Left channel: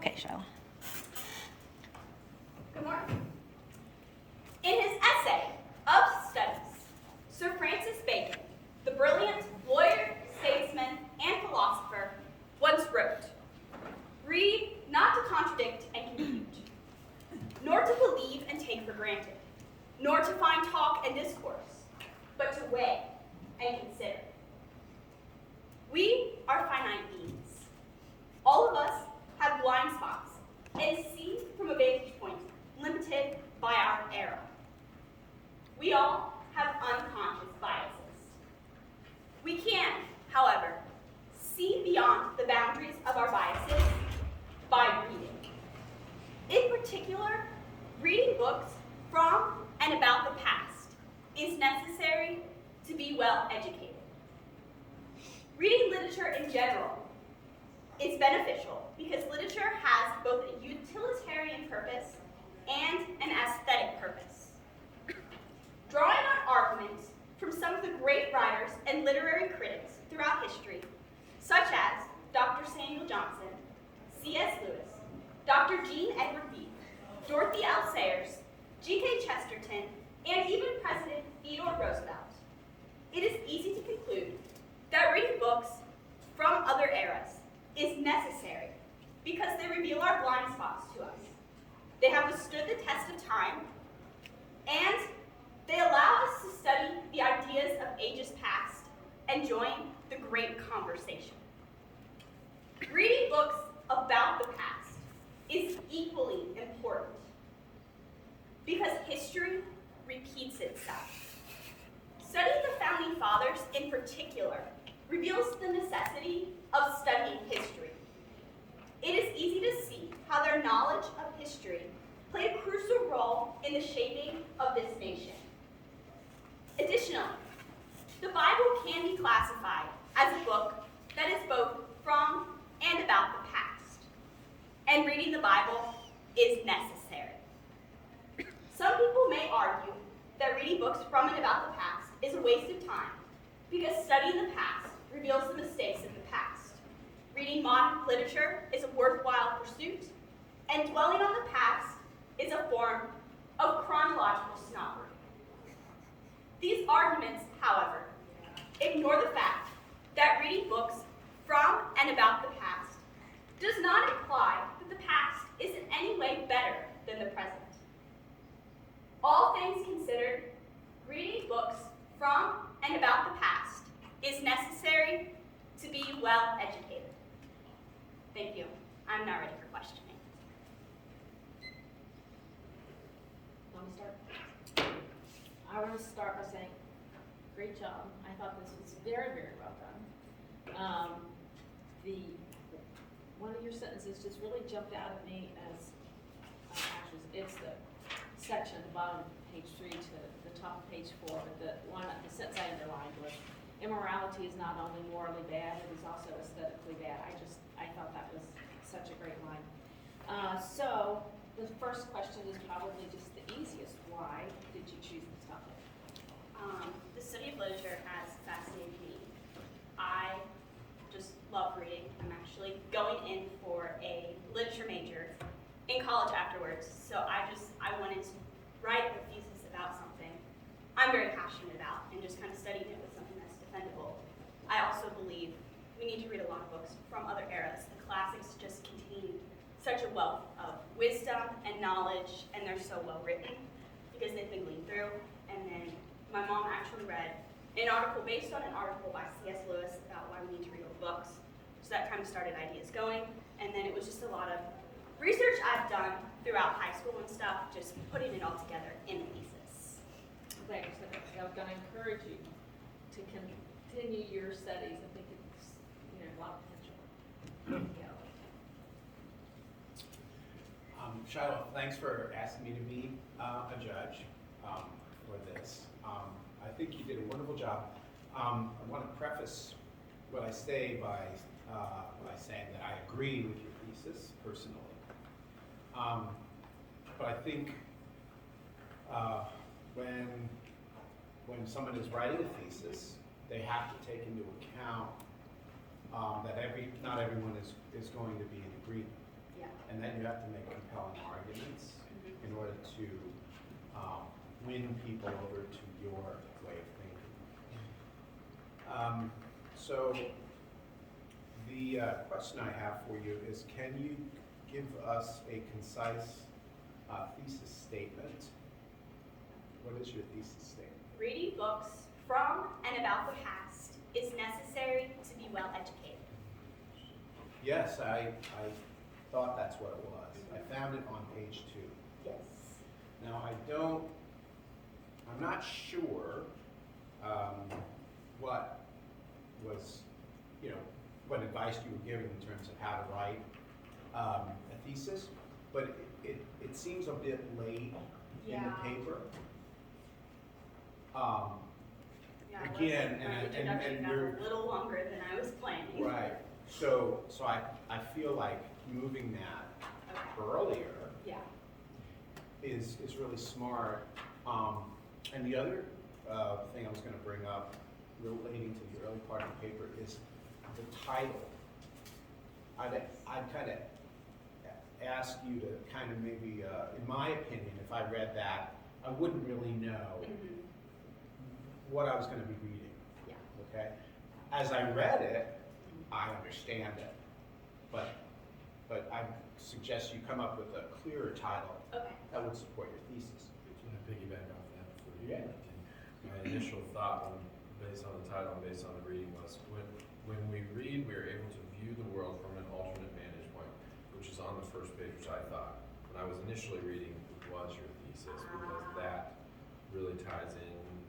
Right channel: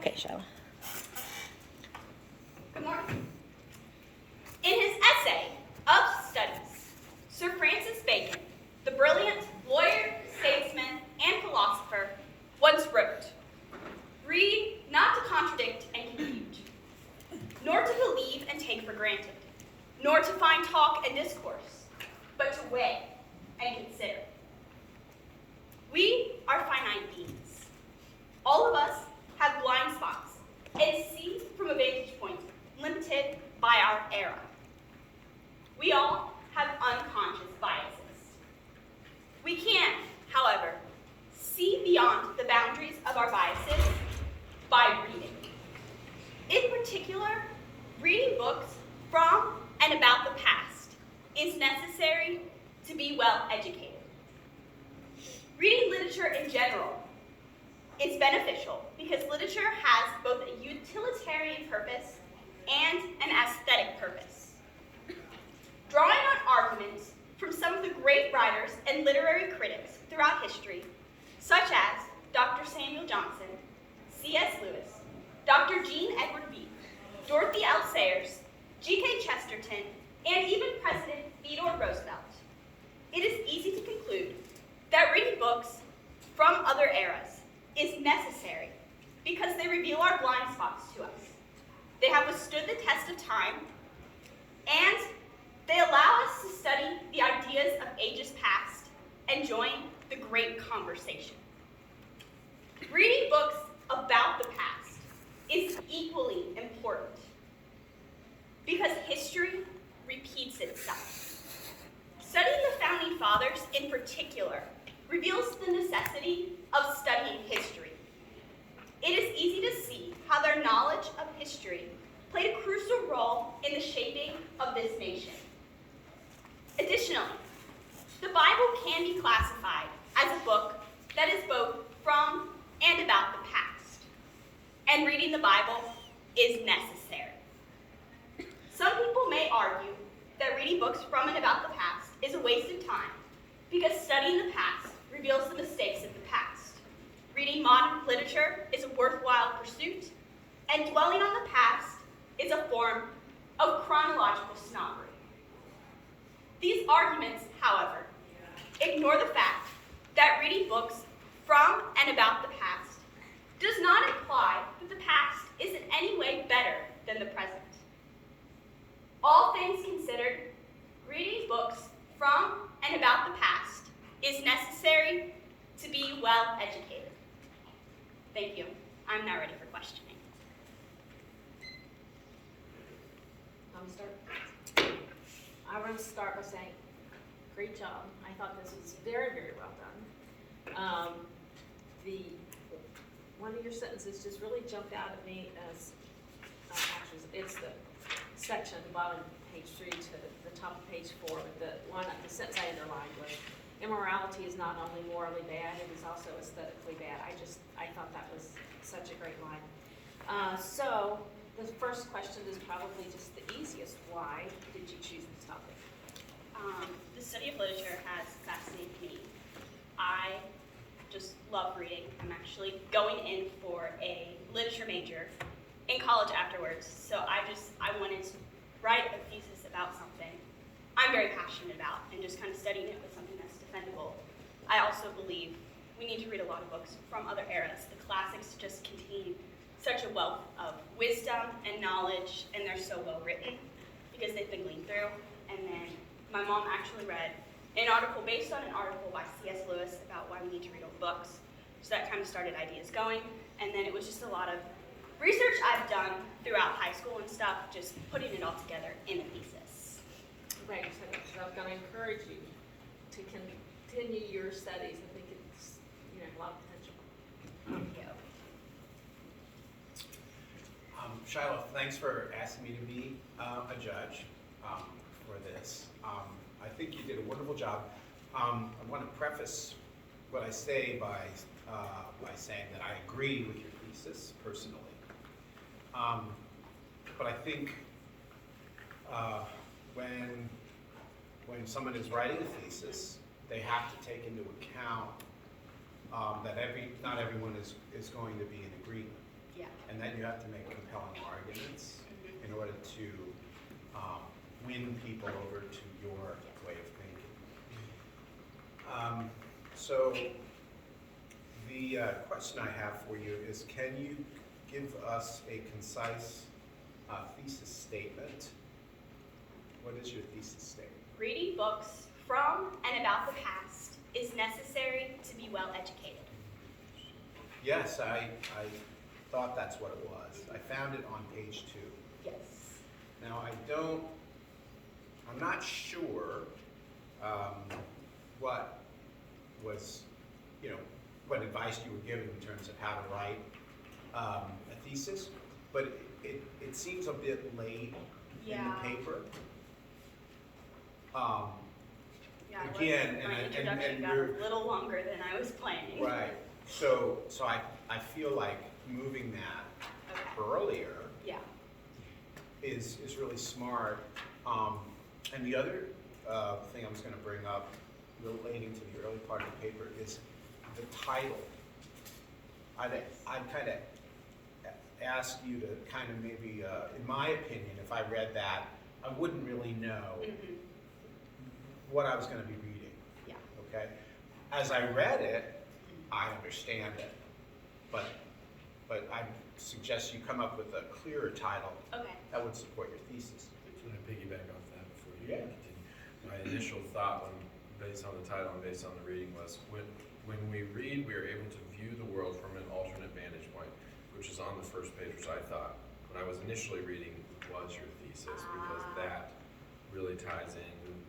Okay, Shiloh. Good morning. In his essay, Of Studies, Sir Francis Bacon, the brilliant lawyer, statesman, and philosopher, once wrote, "Read not to contradict and confute, nor to believe and take for granted, nor to find talk and discourse, but to weigh and consider." We are finite beings. All of us have blind spots and see from a vantage point limited by our era. We all have unconscious biases. We can, however, see beyond the boundaries of our biases by reading. In particular, reading books from and about the past is necessary to be well educated. Reading literature in general is beneficial because literature has both a utilitarian purpose and an aesthetic purpose. Drawing on arguments from some of the great writers and literary critics throughout history, such as Dr. Samuel Johnson, C.S. Lewis, Dr. Jean Edward Bede, Dorothy L. Sayers, G.K. Chesterton, and even President Theodore Roosevelt, it is easy to conclude that reading books from other eras is necessary because they reveal our blind spots to us. They have withstood the test of time, and they allow us to study the ideas of ages past and join the great conversation. Reading books about the past is equally important because history repeats itself. Studying the Founding Fathers in particular reveals the necessity of studying history. It is easy to see how their knowledge of history played a crucial role in the shaping of this nation. Additionally, the Bible can be classified as a book that is both from and about the past, and reading the Bible is necessary. Some people may argue that reading books from and about the past is a waste of time because studying the past reveals the mistakes of the past. Reading modern literature is a worthwhile pursuit, and dwelling on the past is a form of chronological snobbery. These arguments, however, ignore the fact that reading books from and about the past does not imply that the past is in any way better than the present. All things considered, reading books from and about the past is necessary to be well educated. Thank you. I'm now ready for questioning. Let me start. I want to start by saying, great job. I thought this was very, very well done. One of your sentences just really jumped out at me as, actually, it's the section at the bottom of page 3 to the top of page 4, but the sentence I underlined was, "Immorality is not only morally bad, it is also aesthetically bad." I thought that was such a great line. So the first question is probably just the easiest. Why did you choose this topic? The study of literature has fascinated me. I just love reading. I'm actually going in for a literature major in college afterwards, so I wanted to write a thesis about something I'm very passionate about and just kind of studying it with something that's defendable. I also believe we need to read a lot of books from other eras. The classics just contain such a wealth of wisdom and knowledge, and they're so well written because they've been gleaned through. And then my mom actually read an article based on an article by C.S. Lewis about why we need to read old books. So that kind of started ideas going. And then it was just a lot of research I've done throughout high school and stuff, just putting it all together in a thesis. Right, you said that, 'cause I was going to encourage you to continue your studies. I think it's, a lot of potential. There you go. Shiloh, thanks for asking me to be a judge for this. I think you did a wonderful job. I want to preface what I say by saying that I agree with your thesis personally. But I think when someone is writing a thesis, they have to take into account that not everyone is going to be in agreement. Yeah. And and that you have to make compelling arguments in order to win people over to your way of thinking. So the question I have for you is, can you give us a concise thesis statement? What is your thesis statement? Reading books from and about the past is necessary to be well educated. Yes, I thought that's what it was. I found it on page 2. Yes. Now, I'm not sure what was, what advice you were given in terms of how to write a thesis, but it seems a bit late in the Yeah. paper. Yeah, Again, my and introduction got we're- a little longer than I was planning. Right. So I feel like moving that Okay. earlier Yeah. is really smart. And the other thing I was going to bring up relating to the early part of the paper is the title. I'd kind of ask you to kind of maybe, in my opinion, if I read that, I wouldn't really know Mhm. what I was going to be reading. Yeah. Okay? As I read it, I understand it, but I suggest you come up with a clearer title Okay. that would support your thesis. Can I piggyback off that before you Yeah. continue? My initial thought, based on the title and based on the reading, was when we read, we are able to view the world from an alternate vantage point, which is on the first page, which I thought, when I was initially reading, was your thesis, because that really ties in.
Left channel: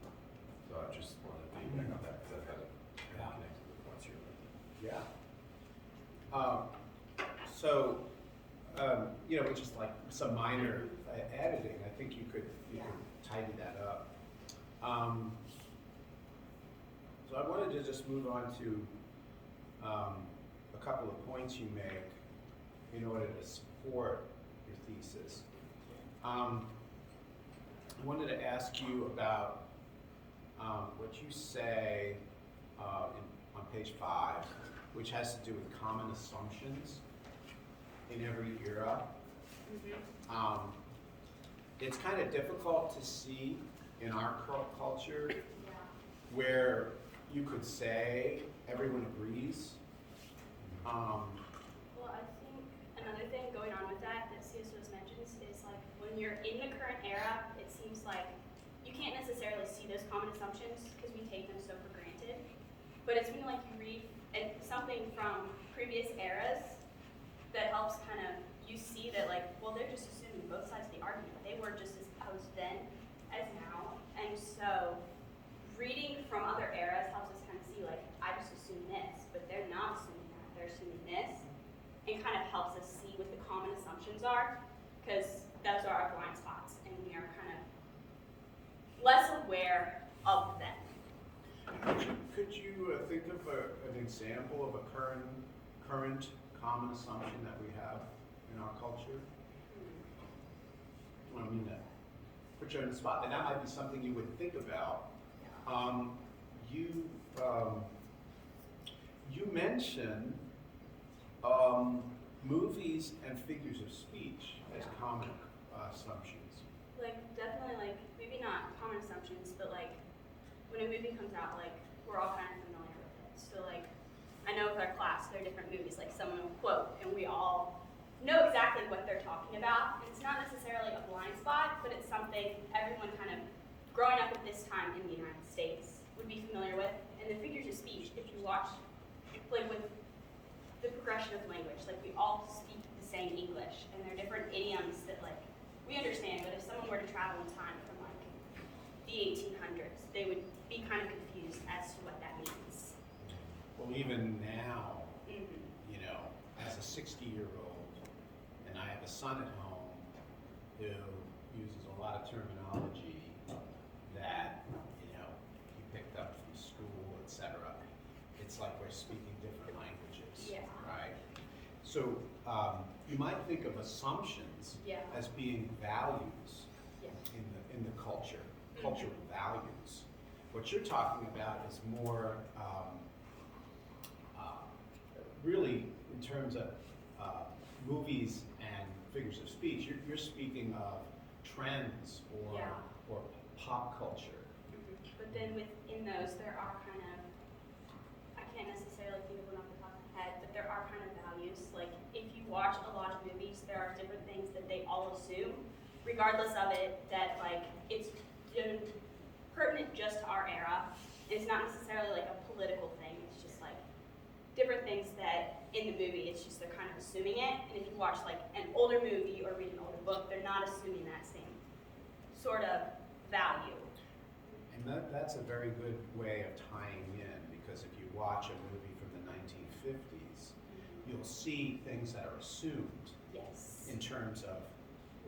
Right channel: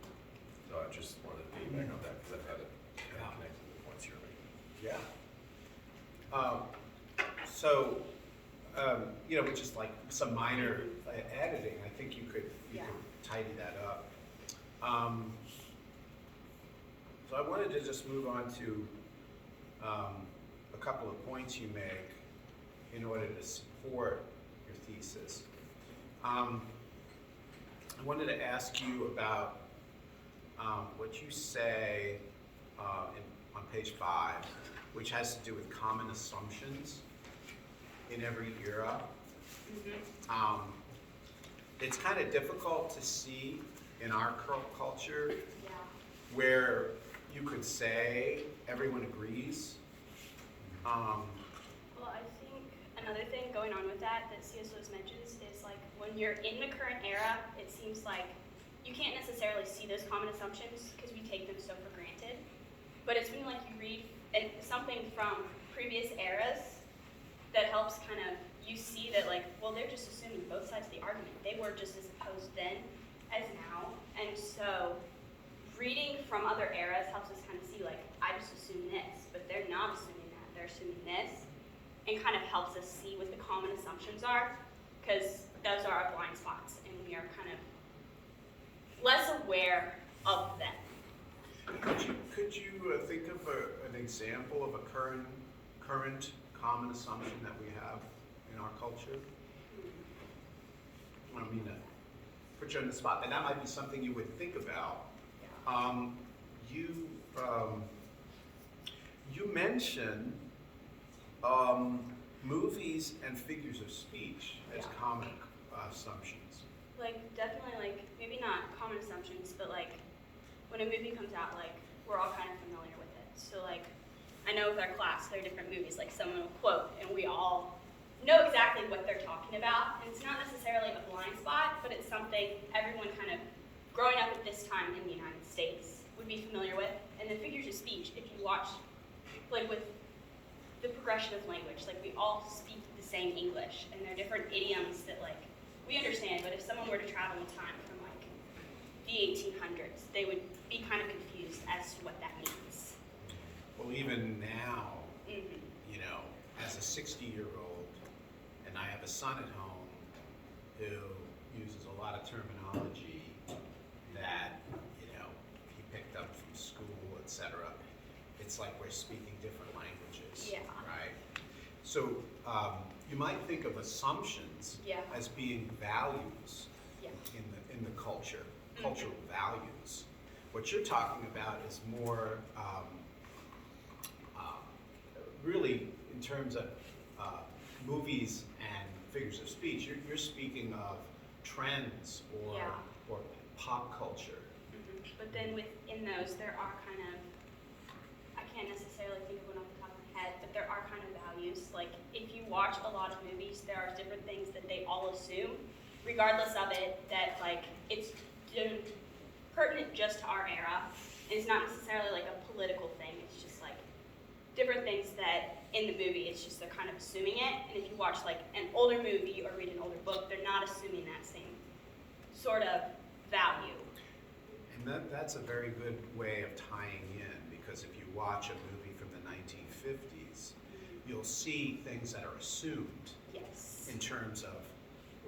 So I just wanted to piggyback off that because I thought it kind Yeah. of connected to the points you were making. Yeah. With just like some minor editing, I think you could tidy that up. So I wanted to just move on to a couple of points you make in order to support your thesis. I wanted to ask you about what you say on page 5, which has to do with common assumptions in every era. It's kind of difficult to see in our culture Yeah. where you could say everyone agrees. Well, I think another thing going on with that C.S. Lewis mentions is like when you're in the current era, it seems like you can't necessarily see those common assumptions because we take them so for granted. But it's when like you read something from previous eras that helps kind of you see that like, well, they're just assuming both sides of the argument. They were just as opposed then as now. And so reading from other eras helps us kind of see like, I just assume this, but they're not assuming that. They're assuming this. And kind of helps us see what the common assumptions are, because those are our blind spots and we are kind of less aware of them. Could you think of an example of a current common assumption that we have in our culture? I don't mean to put you on the spot, and that might be something you would think about. Yeah. You mention movies and figures of speech as common assumptions. Like definitely like maybe not common assumptions, but like when a movie comes out, like we're all kind of familiar with it. So like I know with our class there are different movies, like someone will quote and we all know exactly what they're talking about. And it's not necessarily a blind spot, but it's something everyone kind of growing up at this time in the United States would be familiar with. And the figures of speech, if you watch like with the progression of language, like we all speak the same English and there are different idioms that like we understand, but if someone were to travel in time from like the 1800s, they would be kind of confused as to what that means. Well, even now, Mm-hmm. as a 60-year-old, and I have a son at home who uses a lot of terminology that, he picked up from school, etc. It's like we're speaking different languages, Yeah. right? So you might think of assumptions Yeah. as being values Yeah. in the culture, cultural values. What you're talking about is more really in terms of movies and figures of speech. You're speaking of trends or Yeah. or pop culture. But then within those, there are kind of, I can't necessarily think of one off the top of my head, but there are kind of values. Like, if you watch a lot of movies, there are different things that they all assume, regardless of it, that, like, it's pertinent just to our era. And it's not necessarily like a political thing. It's just like different things that in the movie, it's just they're kind of assuming it. And if you watch like an older movie or read an older book, they're not assuming that same sort of value. And that's a very good way of tying in, because if you watch a movie from the 1950s, you'll see things that are assumed Yes. in terms of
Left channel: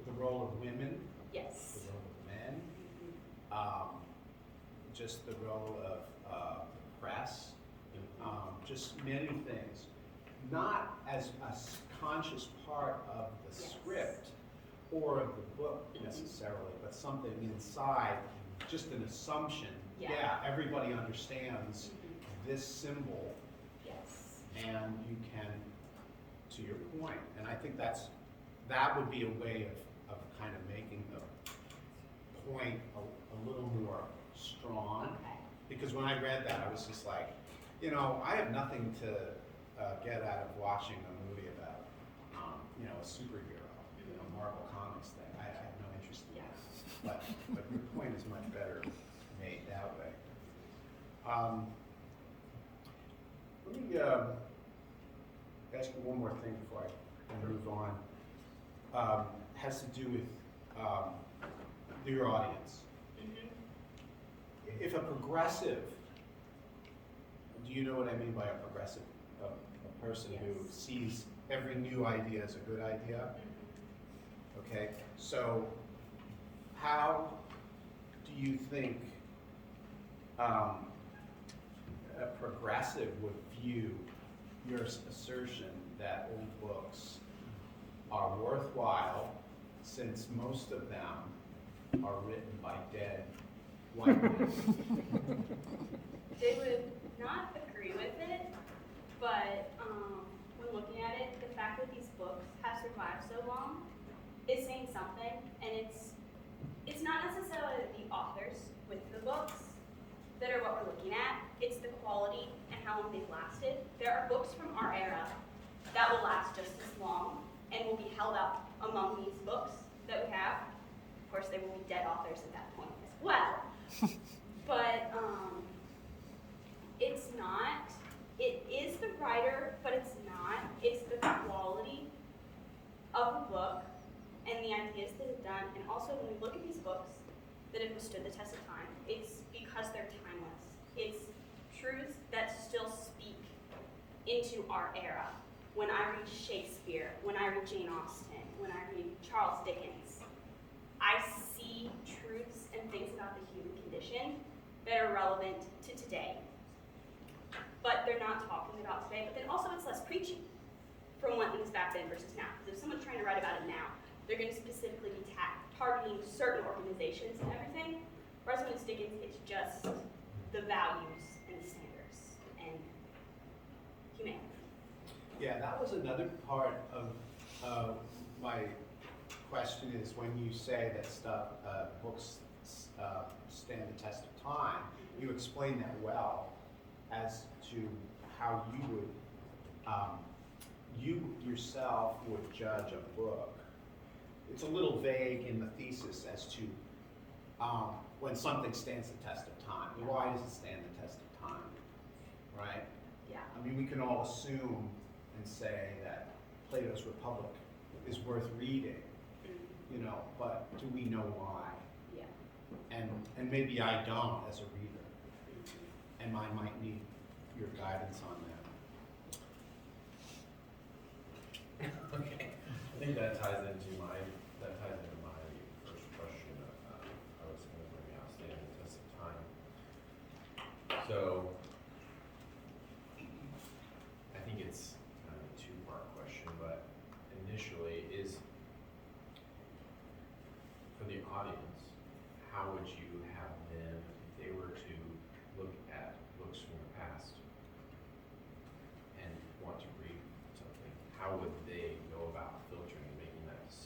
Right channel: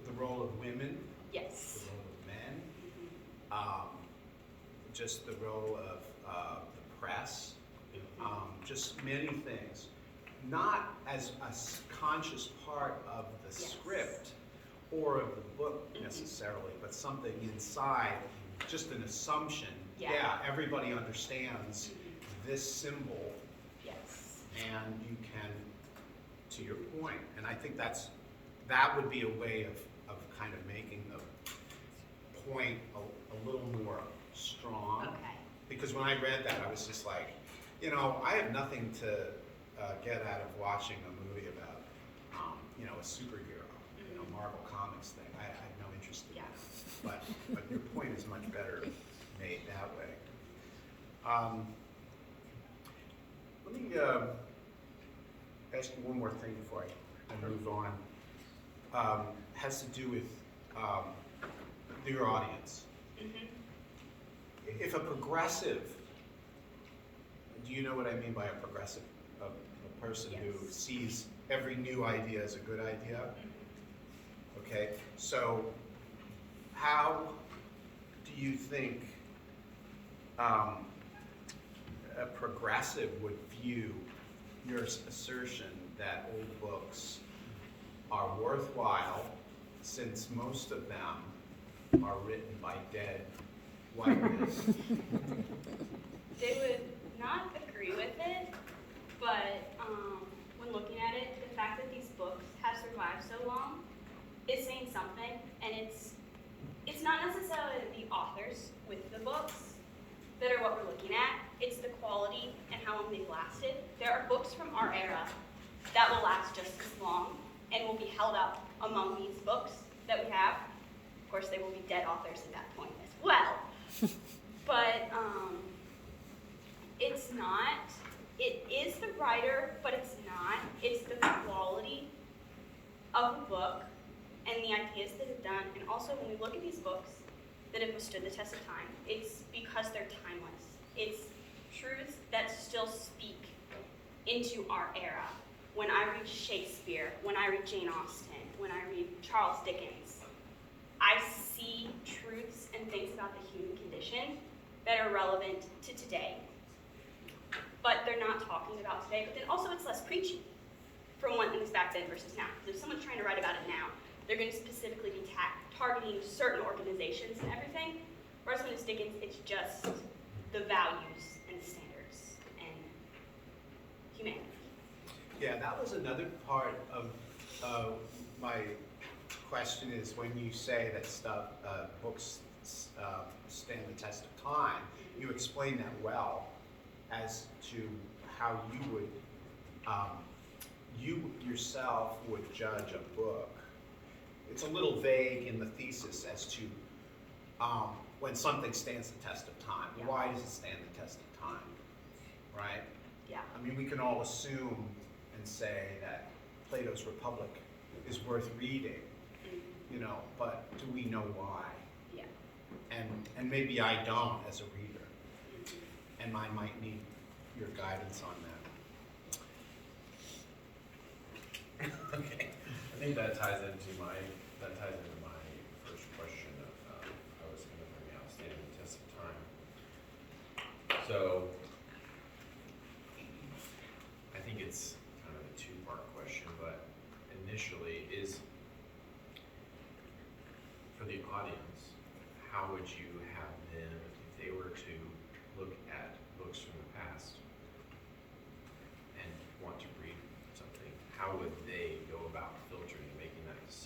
the role of women, Yes. the role of men, just the role of the press, just many things. Not as a conscious part of the Yes. script or of the book necessarily, but something inside, just an assumption. Yeah. Everybody understands this symbol, Yes. and you can, to your point, and I think that would be a way of kind of making the point a little more strong. Okay. Because when I read that, I was just like, I have nothing to get out of watching a movie about, a superhero, Marvel Comics thing. I have no interest in Yeah. that. But your point is much better made that way. Let me ask you one more thing before I move on. Has to do with your audience. If a progressive, do you know what I mean by a progressive? A person who Yes. sees every new idea as a good idea? Okay, so how do you think a progressive would view your assertion that old books are worthwhile, since most of them are written by dead white men? They would not agree with it, but when looking at it, the fact that these books have survived so long is saying something, and it's not necessarily the authors with the books that are what we're looking at. It's the quality and how long they've lasted. There are books from our era that will last just as long and will be held up among these books that we have. Of course, they will be dead authors at that point as well. But it's not. It is the writer, but it's not. It's the quality of the book and the ideas that it's done. And also, when we look at these books that have withstood the test of time, it's because they're timeless. It's truths that still speak into our era. When I read Shakespeare, when I read Jane Austen, when I read Charles Dickens, I see truths and things about the human condition that are relevant to today. But they're not talking about today. But then also it's less preachy from when things back then versus now. Because if someone's trying to write about it now, they're going to specifically be targeting certain organizations and everything. Whereas when it's Dickens, it's just the values and the standards and humanity. Yeah, that was another part of my question, is when you say that books stand the test of time, you explain that well as to how you yourself would judge a book. It's a little vague in the thesis as to when something stands the test of time. Yeah. Why does it stand the test of time, right? Yeah. I mean, we can all assume and say that Plato's Republic is worth reading, but do we know why? Yeah. And maybe I don't as a reader, and I might need your guidance on that. Okay, I think that ties into my first question. I was going to bring out standing the test of time. So I think it's kind of a two-part question, but initially is, for the audience, how would you have them, if they were to look at books from the past and want to read something, how would they go about filtering and making that decision?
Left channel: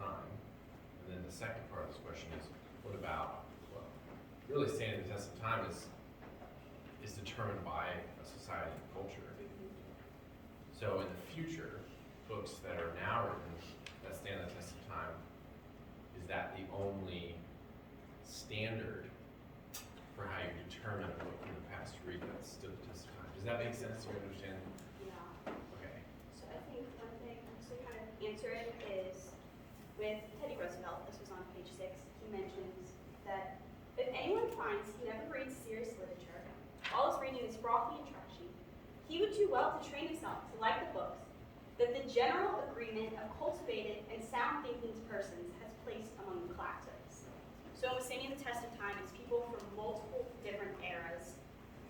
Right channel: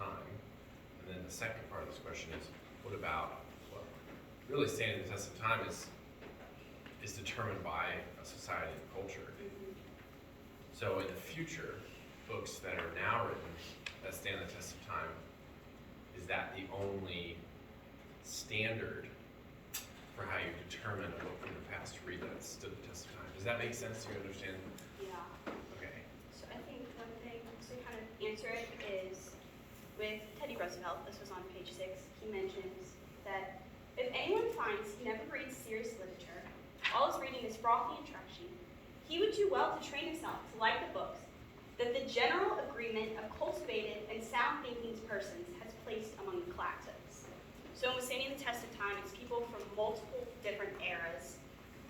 time? And then the second part of this question is, what about, well, really standing the test of time is determined by a society and culture. So in the future, books that are now written that stand the test of time, is that the only standard for how you determine a book from the past to read that stood the test of time? Does that make sense? Do you understand? Yeah. Okay. So I think one thing to kind of answer it is with Teddy Roosevelt, this was on page 6, he mentions that if anyone finds he never reads serious literature, all his reading is frothy and trashy, he would do well to train himself to like the books that the general agreement of cultivated and sound thinking persons has placed among the classics. So in withstanding the test of time, it's people from multiple different eras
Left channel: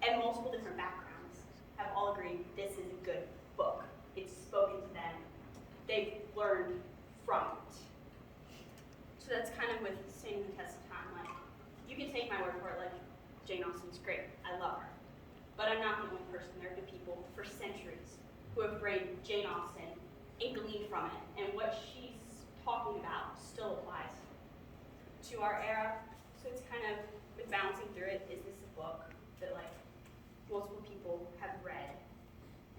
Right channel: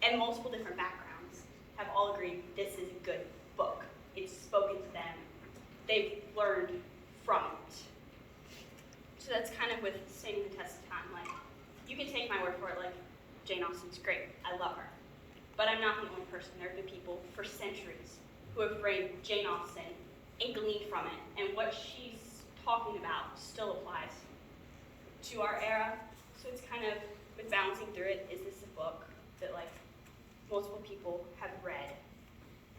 and multiple different backgrounds have all agreed this is a good book. It's spoken to them. They've learned from it. So that's kind of with standing the test of time. Like, you can take my word for it, like, Jane Austen's great. I love her. But I'm not the only person. There have been people for centuries who have read Jane Austen and gleaned from it. And what she's talking about still applies to our era. So it's kind of, with balancing through it, is this a book that, like, multiple people have read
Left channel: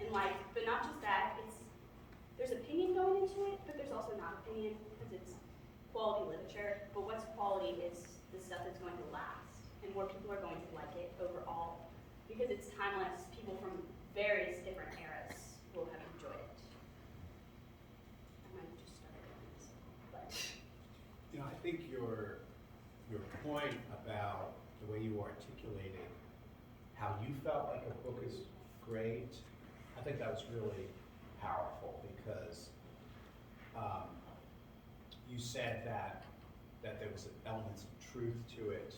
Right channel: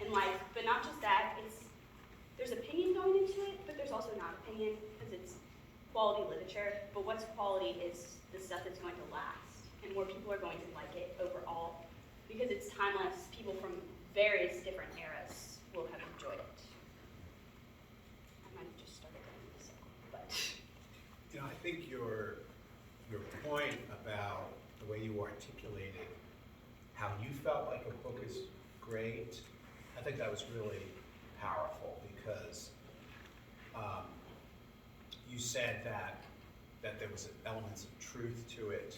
and like, but not just that, there's opinion going into it, but there's also not opinion, because it's quality literature. But what's quality is the stuff that's going to last, and more people are going to like it overall, because it's timeless. People from various different eras will have enjoyed it. I might have just started going in a circle, but. You know, I think your point about the way you articulated how you felt like a book is great, I think that was really powerful, because you said that there was elements of truth to it,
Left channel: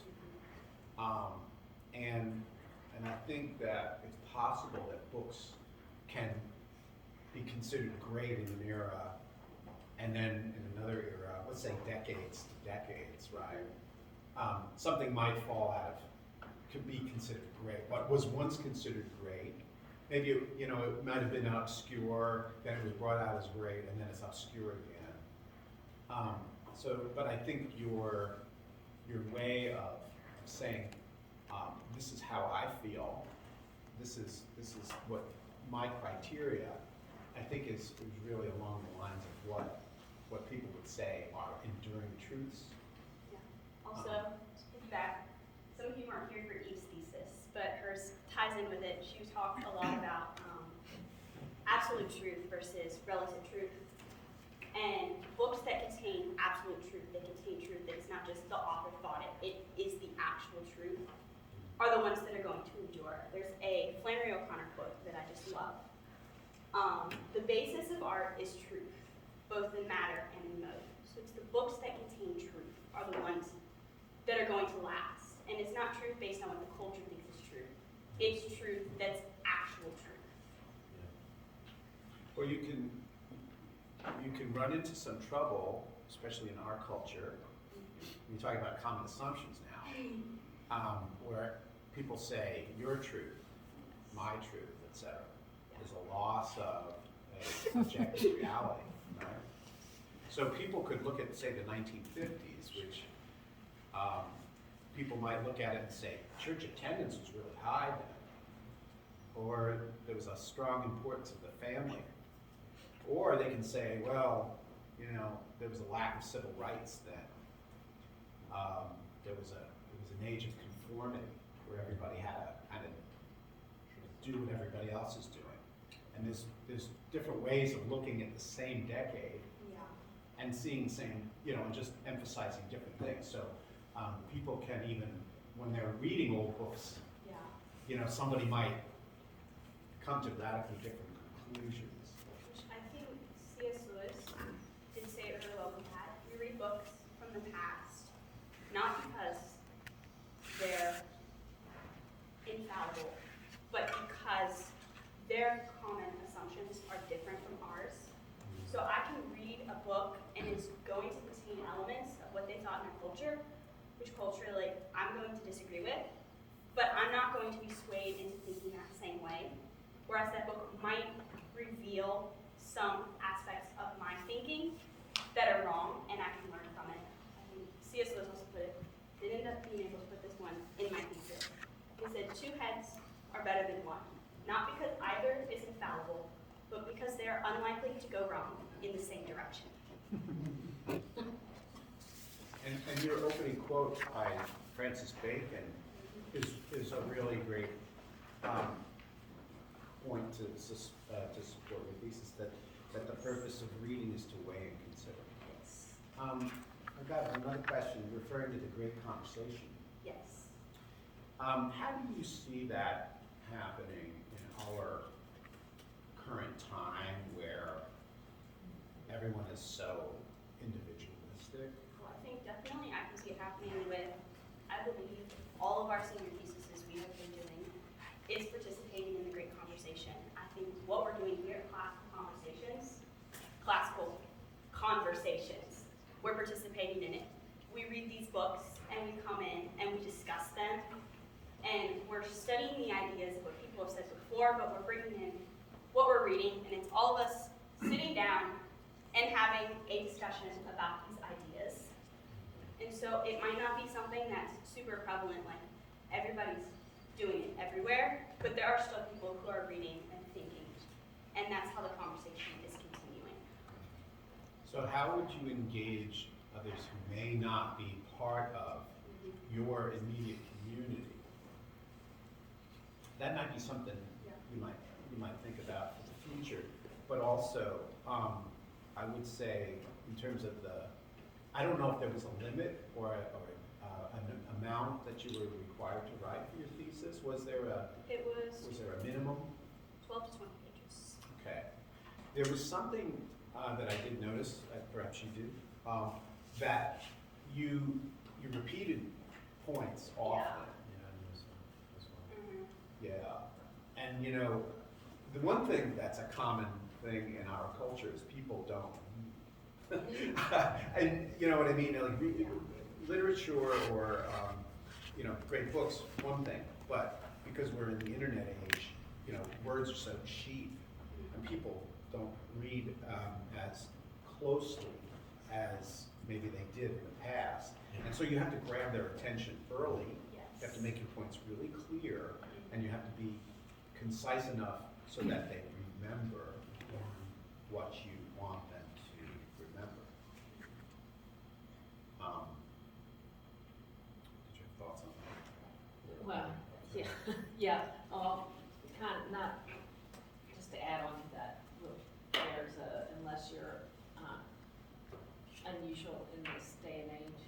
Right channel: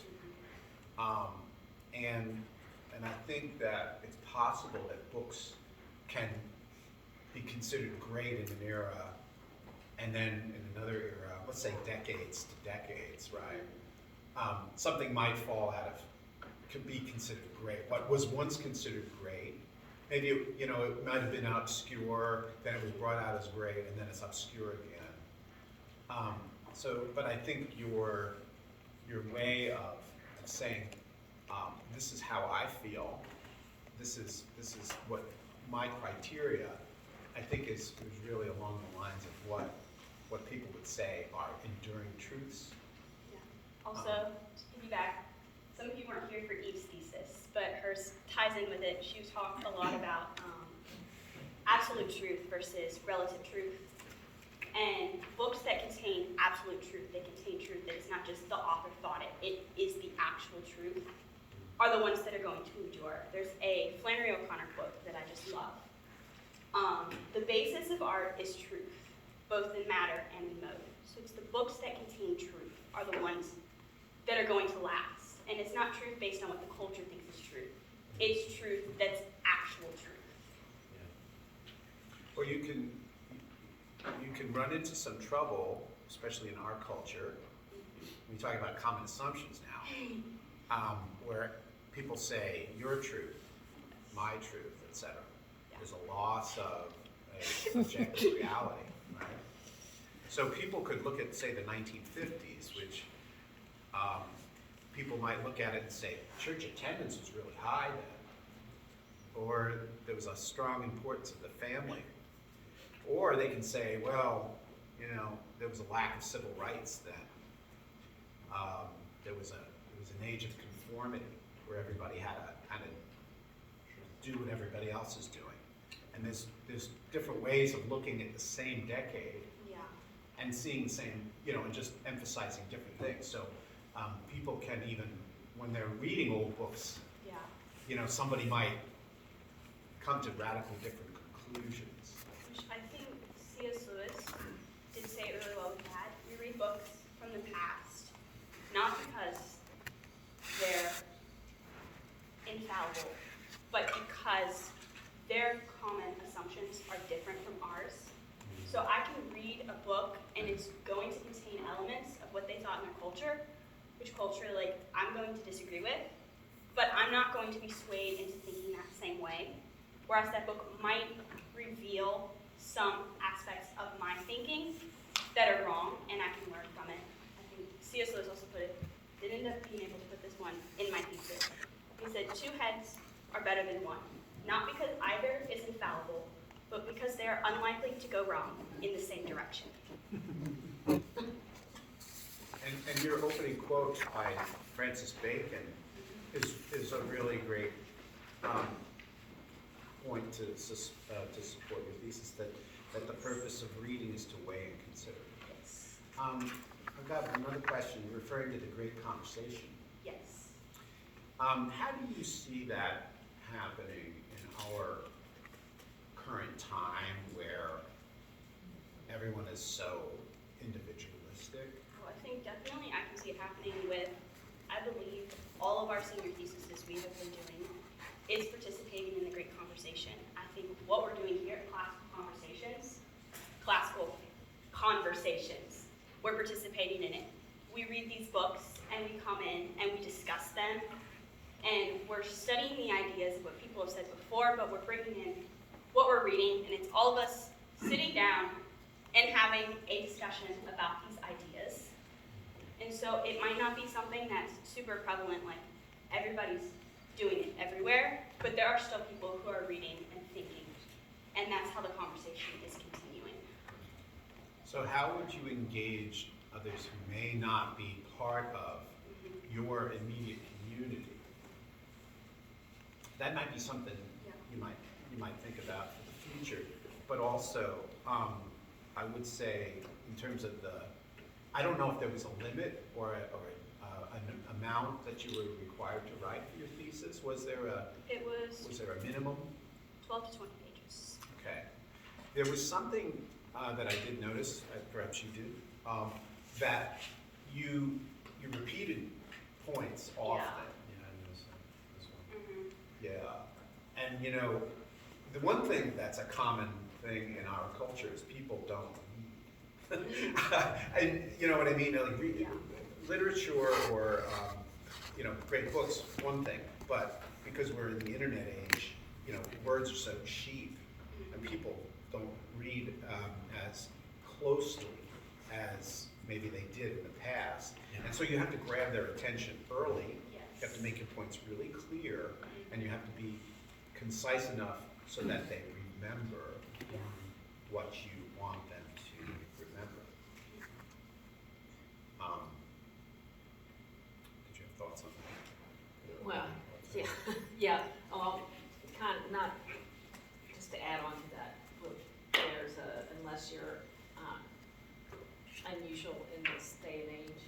and I think that it's possible that books can be considered great in an era, and then in another era, let's say decades to decades, right? Something might fall out of, could be considered great. What was once considered great, maybe it might have been obscure, then it was brought out as great, and then it's obscure again. But I think your way of saying, this is how I feel, this is what my criteria, I think is really along the lines of what people would say are enduring truths. Yeah. Also, to piggyback, some of you weren't here for Eve's thesis, but hers ties in with it. She talked a lot about absolute truth versus relative truth. And books that contain absolute truth, they contain truth that is not just the author thought it is the actual truth, are the ones that are going to endure. There's a Flannery O'Connor quote that I just love. The basis of art is truth, both in matter and in mode. So it's the books that contain truth are the ones that are going to last. And it's not truth based on what the culture thinks is true. It's truth that's actual truth. Or you can run into some trouble, especially in our culture. We talk about common assumptions now, where people say your truth, my truth, etc. There's a loss of a objective reality, right? So people could look at, say, the 1950s, which people might look at it and say, church attendance was really high then, or there was a strong importance of the family. Or they can say, well, there was a lack of civil rights then. There was an age of conformity where everybody had to kind of do what everybody else is doing. And there's different ways of looking at the same decade and seeing the same, and just emphasizing different things. So people can even, when they're reading old books, somebody might come to radically different conclusions. I think C.S. Lewis did say it really well with that. We read books from the past, not because they're infallible, but because their common assumptions are different from ours. So I can read a book and it's going to contain elements of what they thought in their culture, which culture, I'm going to disagree with, but I'm not going to be swayed into thinking that same way. Whereas that book might reveal some aspects of my thinking that are wrong, and I can learn from it. I think C.S. Lewis also didn't end up being able to put this one in my thesis. He said, 2 heads are better than 1, not because either is infallible, but because they are unlikely to go wrong in the same direction. And your opening quote by Francis Bacon is a really great point to support your thesis, that the purpose of reading is to weigh and consider. Yes. I've got another question referring to the great conversation. Yes. How do you see that happening in our current time where everyone is so individualistic? Well, I think definitely I can see it happening with, I believe, all of our senior theses we have been doing is participating in the great conversation. I think what we're doing here at Classical Conversations, we're participating in it. We read these books and we come in and we discuss them, and we're studying the ideas of what people have said before, but we're bringing in what we're reading, and it's all of us sitting down and having a discussion about these ideas. And so it might not be something that's super prevalent, like everybody's doing it everywhere, but there are still people who are reading and thinking, and that's how the conversation is continuing. So how would you engage others who may not be part of your immediate community? That might be something you might think about for the future, but also I would say in terms of I don't know if there was a limit or an amount that you were required to write for your thesis. Was there a minimum? 12 to 20 pages. Okay. There was something that I did notice, perhaps you did, that you repeated points often. Yeah, I noticed that as well. Mm-hmm. Yeah. And the one thing that's a common thing in our culture is people don't read. And you know what I mean? Like literature or great books, one thing, but because we're in the internet age, words are so cheap, and people don't read as closely as maybe they did in the past. And so you have to grab their attention early. Yes. You have to make your points really clear, and you have to be concise enough so that they remember what you want them to remember. Did you have thoughts on that? Well, yeah, kind of, not, just to add on to that, there's unless you're unusual in this day and age,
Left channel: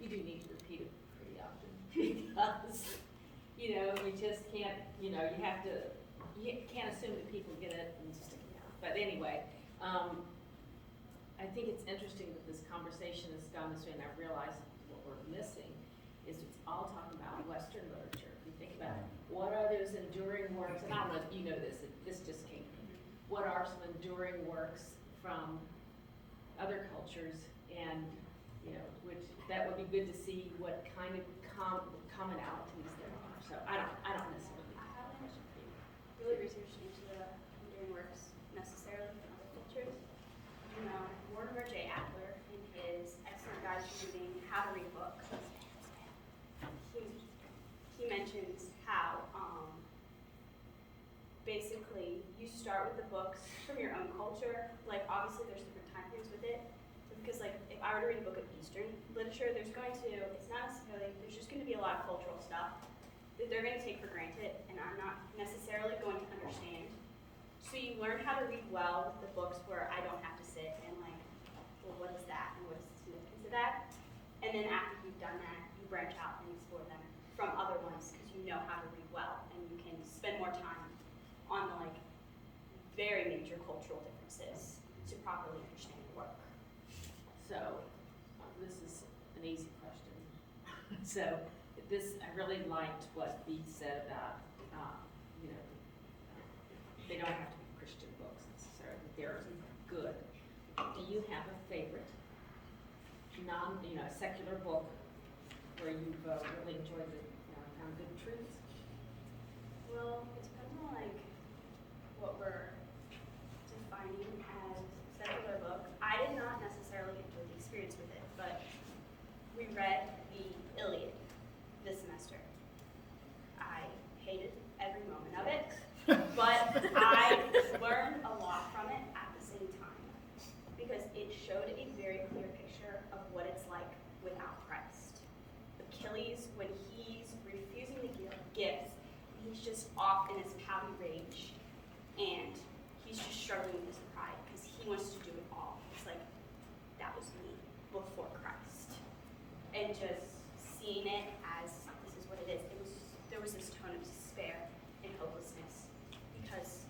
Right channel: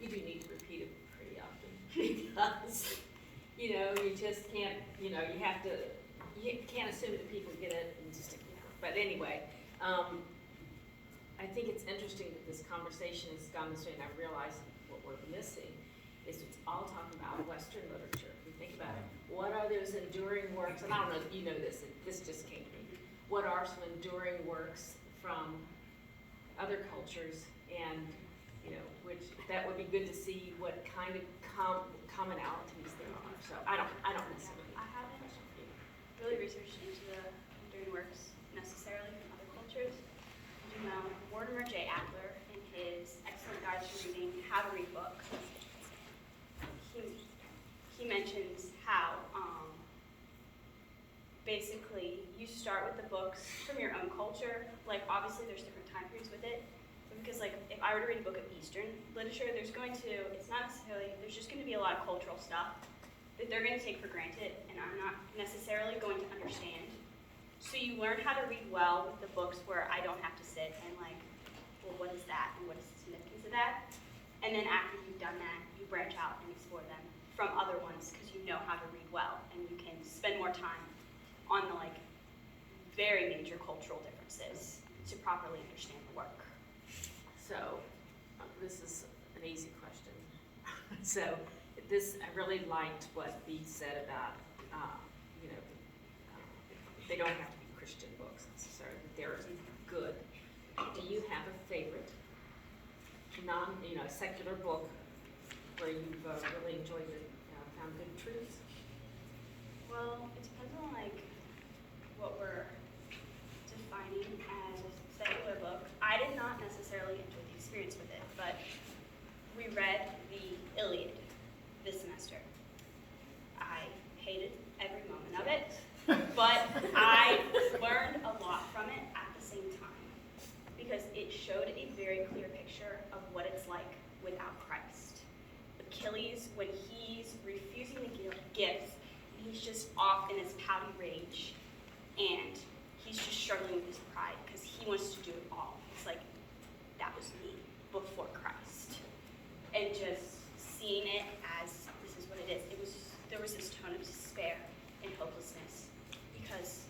you do need to repeat it pretty often, because, you just can't, you can't assume that people get it and just, but anyway, I think it's interesting that this conversation has gone this way, and I realize what we're missing is it's all talking about Western literature. If you think about it, what are those enduring works, and I don't know if you know this, this just came to me. What are some enduring works from other cultures, and, which, that would be good to see what kind of commonalities there are. So I don't necessarily. I haven't really researched into the enduring works necessarily from other cultures. Mortimer J. Adler, in his excellent guide to reading, How to Read Books, he mentions how basically you start with the books from your own culture. Like, obviously there's different time periods with it, but because like if I were to read a book of Eastern literature, there's just going to be a lot of cultural stuff that they're going to take for granted, and I'm not necessarily going to understand. So you learn how to read well with the books where I don't have to sit and like, well, what is that, and what is the significance of that? And then after you've done that, you branch out and explore them from other ones, because you know how to read well, and you can spend more time on the like very major cultural differences to properly understand the work. So, this is an easy question. So, I really liked what Bee said about, they don't have to be Christian books necessarily, but they're good. Do you have a favorite secular book where you've really enjoyed it, found good truths? Well, it depends on like what we're defining as secular book. I did not necessarily enjoy experience with it, but we read the Iliad this semester. I hated every moment of it, but I learned a lot from it at the same time because it showed a very clear picture of what it's like without Christ. Achilles, when he's refusing the gifts, he's just off in his pouty rage, and he's just struggling with his pride because he wants to do it all. It's like, that was me before Christ. And just seeing it as this is what it is, there was this tone of despair and hopelessness because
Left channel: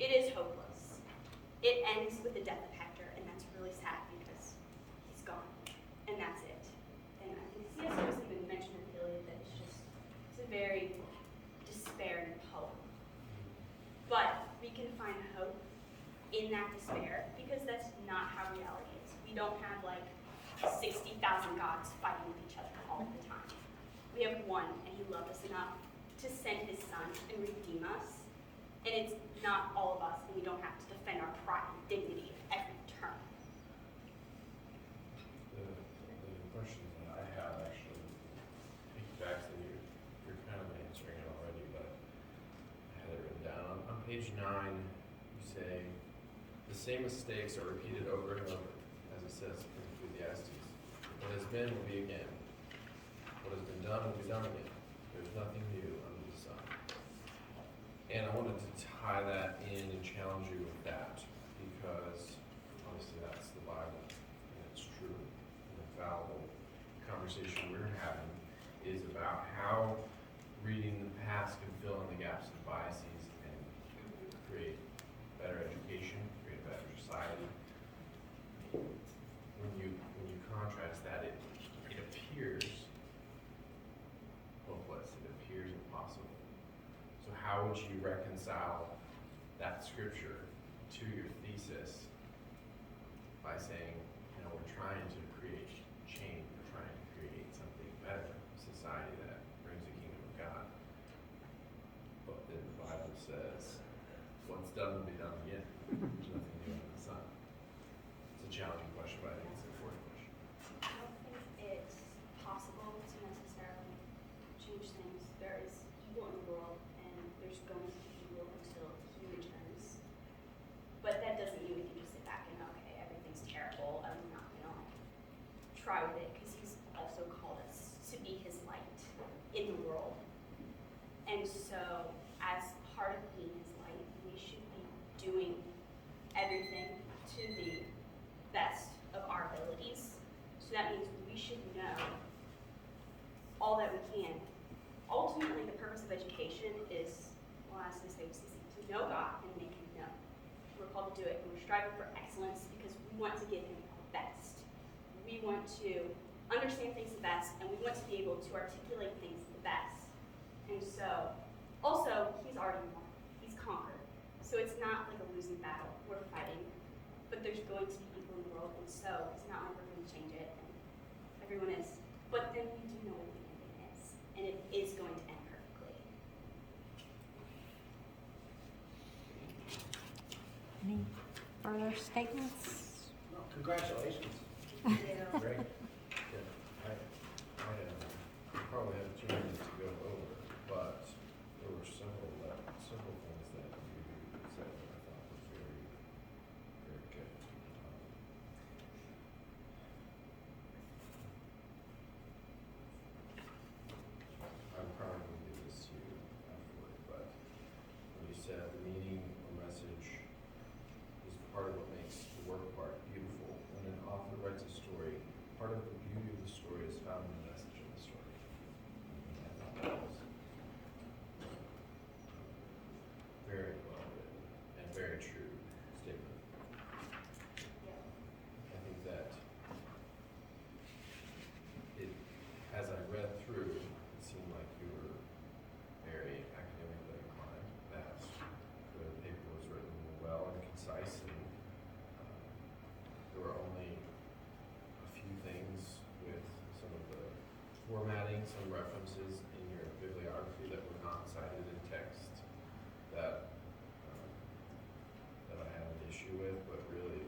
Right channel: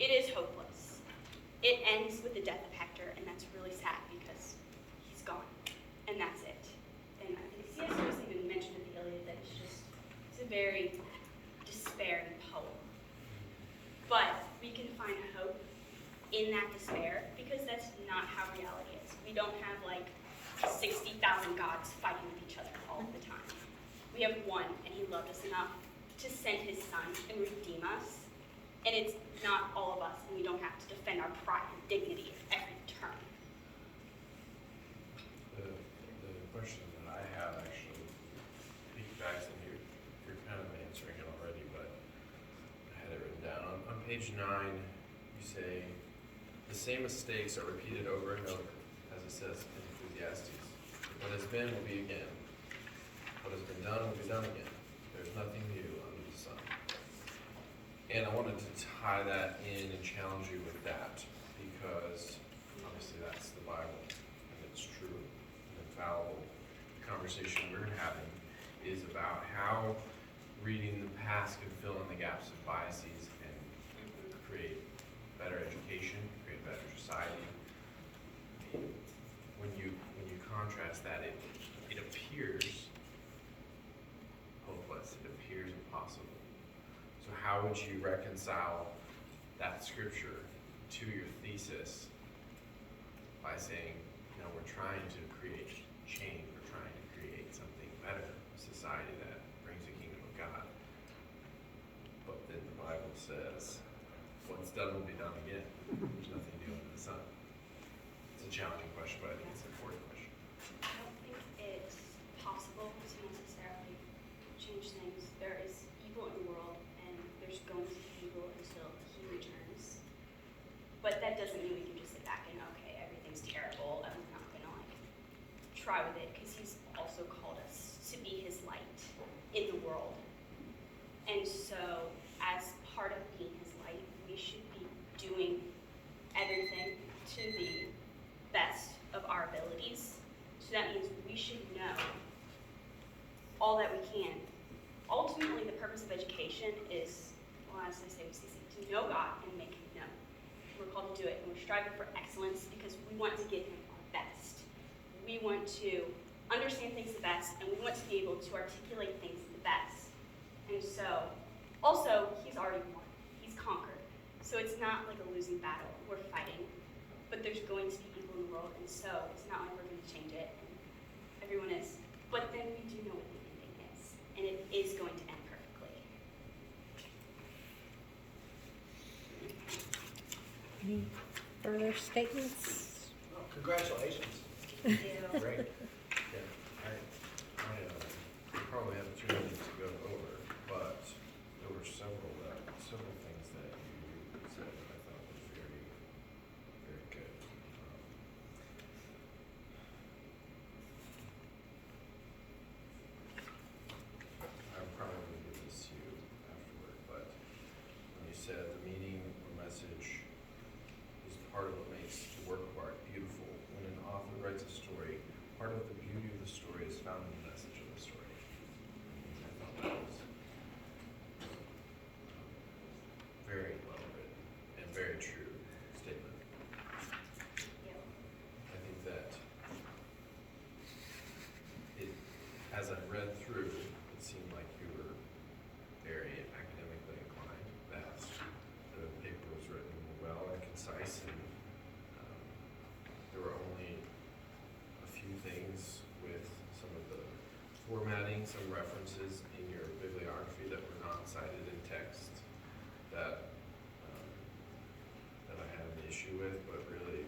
it is hopeless. It ends with the death of Hector, and that's really sad because he's gone, and that's it. And I think C.S. Lewis even mentioned in the Iliad that it's a very despairing poem. But we can find hope in that despair because that's not how reality is. We don't have like 60,000 gods fighting with each other all the time. We have one, and he loved us enough to send his son and redeem us. And it's not all of us, and we don't have to defend our pride and dignity at every turn. The question that I have actually piggybacks, and you're kind of answering it already, but I had it written down. On page 9, you say, the same mistakes are repeated over and over, as it says in Ecclesiastes. What has been will be again. What has been done will be done again. There's nothing new under the sun. And I wanted to tie that in and challenge you with that, because obviously that's the Bible, and it's true and infallible. The conversation we're having is about how reading the past can fill in the gaps of biases and create better education, create a better society. When you contrast that, it appears hopeless, it appears impossible. So how would you reconcile that scripture to your thesis by saying, we're trying to create change, we're trying to create something better, a society that brings the kingdom of God. But then the Bible says, what's done will be done again. There's nothing new under the sun. It's a challenging question, but I think it's an important question. I don't think it's possible to necessarily change things. There is evil in the world, and there's going to be evil until he returns. But that doesn't mean we can just sit back and, okay, everything's terrible, and we're not gonna try with it, because he's also called us to be his light in the world. And so, as part of being his light, we should be doing everything to the best of our abilities. So that means we should know all that we can. Ultimately, the purpose of education is, well, as I say, to know God and make him known. We're called to do it, and we're striving for excellence because we want to give him our best. We want to understand things the best, and we want to be able to articulate things the best. And so, also, he's already won. He's conquered. So it's not like a losing battle. We're fighting, but there's going to be people in the world, and so it's not like we're going to change it, and everyone is. But then we do know what the ending is, and it is going to end perfectly. Any further statements? Oh, congratulations. Thank you. Great. Yeah, I probably have 2 minutes to go over, but there were several things that you said that I thought were very, very good. I'm probably going to give this to you afterward, but when you said the meaning or message is part of what makes the work of art beautiful. When an author writes a story, part of the beauty of the story is found in the message of the story. I thought that was very well written and very true statement. Yeah. I think that as I read through, it seemed like you were very academically inclined, that the paper was written well and concise, and there were only a few things with some of the formatting, some references in your bibliography that were not cited in text that I had an issue with, but really